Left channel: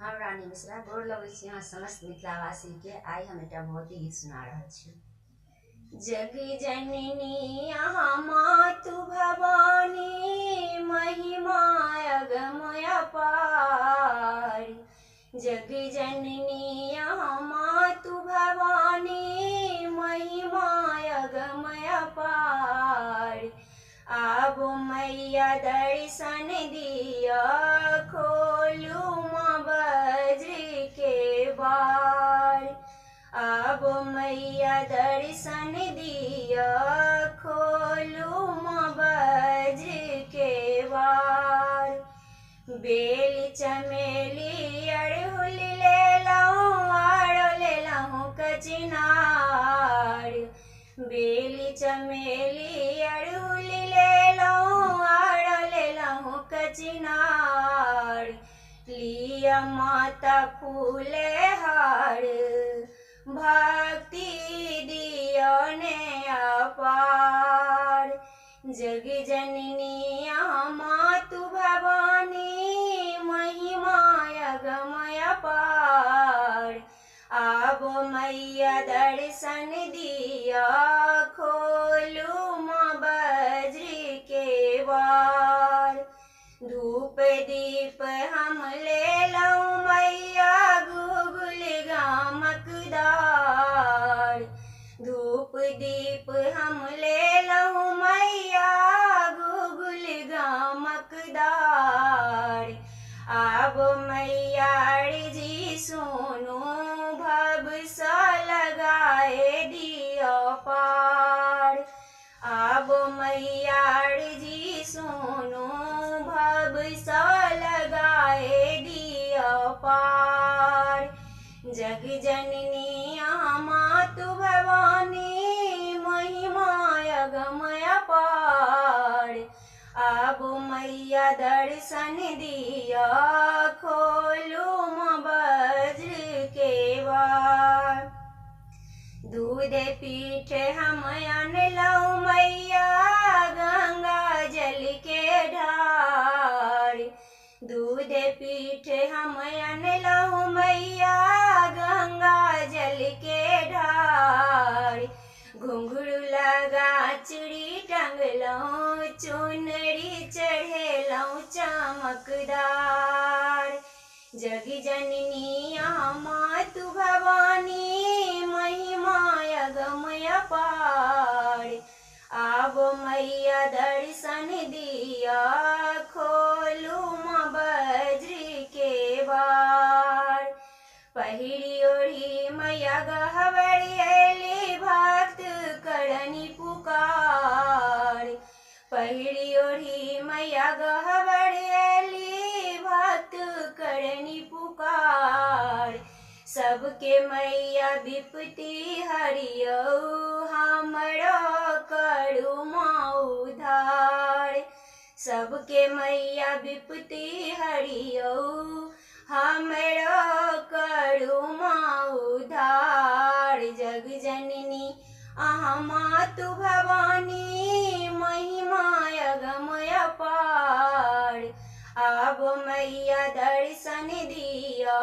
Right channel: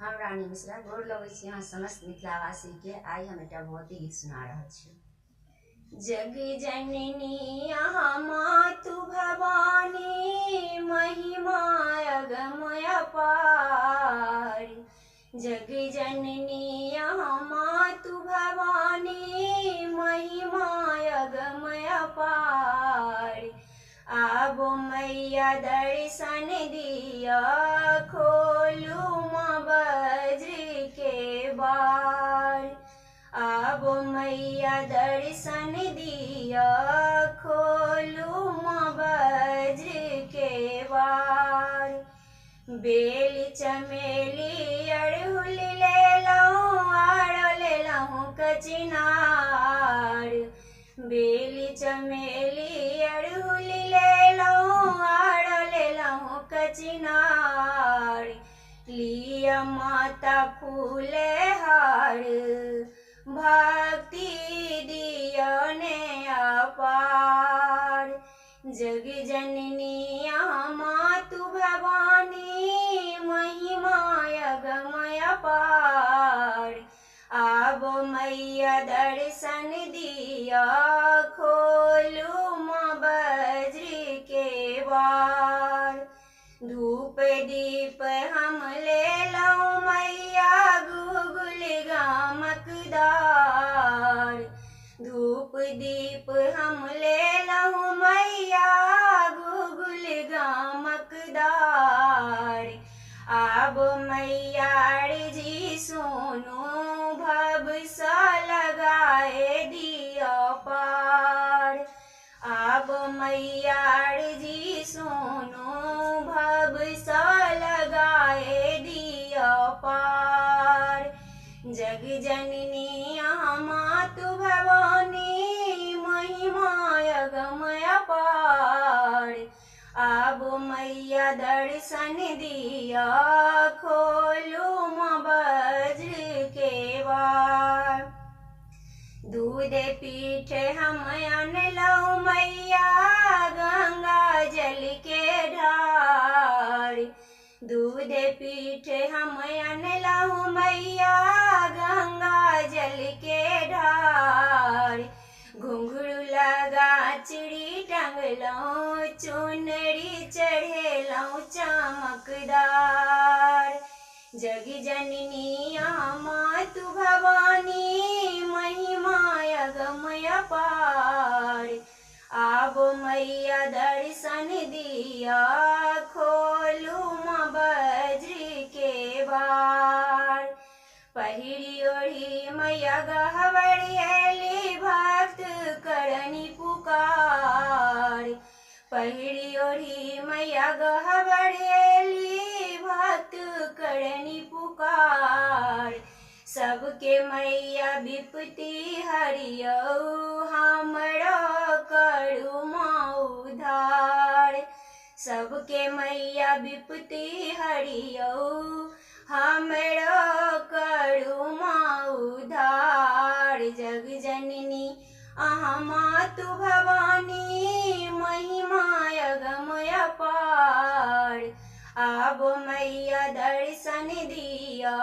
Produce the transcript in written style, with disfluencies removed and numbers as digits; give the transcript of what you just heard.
हम रानी मिश्रा गोर लगै छी अहाँ समस्त मिथिलावासी के। आई हम एकटा भगवती गीत सुना रहल छी। जग जननी अहाँ मातु भवानी, महिमा अगम अपार। जग जननी अहाँ मातु भवानी, महिमा अगम अपार। आब मैया दर्शन दिया, खोलू माँ बज्र के बार। आब मैया दर्शन दिया, खोलू माँ बज्र के बार। बेल चमेली अड़हुल लेलहुँ, आरो लेलहुँ कचनार। बेल चमेली अड़हुल लेलहुँ, आरो लेलहुँ कचनार। लिया माता फूले हार, भक्ति दिया ने अपार। जग जननी अहाँ मातु भवानी, महिमा अगम अपार। आब मैया दर्शन दिया, खोलू माँ बज्र के बार। धूप दीप हम लेलहुँ मैया, गुगुल गामकदार। धूप दीप हम लेलहुँ मैया, गुगुल गामकदार। आब मैया अर्जी सुनू, भव सँ लगाए दिया पार। आब मैया अर्जी सुनू, भव सँ लगाए दिया पार। जग जननी अहाँ मातु भवानी, महिमा अगम अपार। आब मैया दर्शन दिया, खोलू माँ बज्र के बार। दूध पीठ हम अनलहुँ मैया, गंगा जल के ढार। दूध पीठ हम अनलहुँ मैया, गंगा जल के ढार। घुंघरू लगा चूड़ी टंगलहुँ, चुनरी चढ़ेलहुँ चमकदार। जग जननी अहाँ मातु भवानी, महिमा अगम अपार। आब मैया दर्शन दिया, खोलू माँ बज्र के बार। पहिरी ओढ़ी मैया गहवर अयली, भक्त करनी पुकार। पहिरी ओढ़ी मैया गहवर अयली, भक्त करनी पुकार। सबके मैया विपत्ति हरियौ, हमरो करू माँ उद्धार। सबके मैया विपत्ति हरियौ, हमरो करू माँ उद्धार। जग जननी अहाँ मातु भवानी, महिमा अगम अपार। आब मैया दर्शन दिया,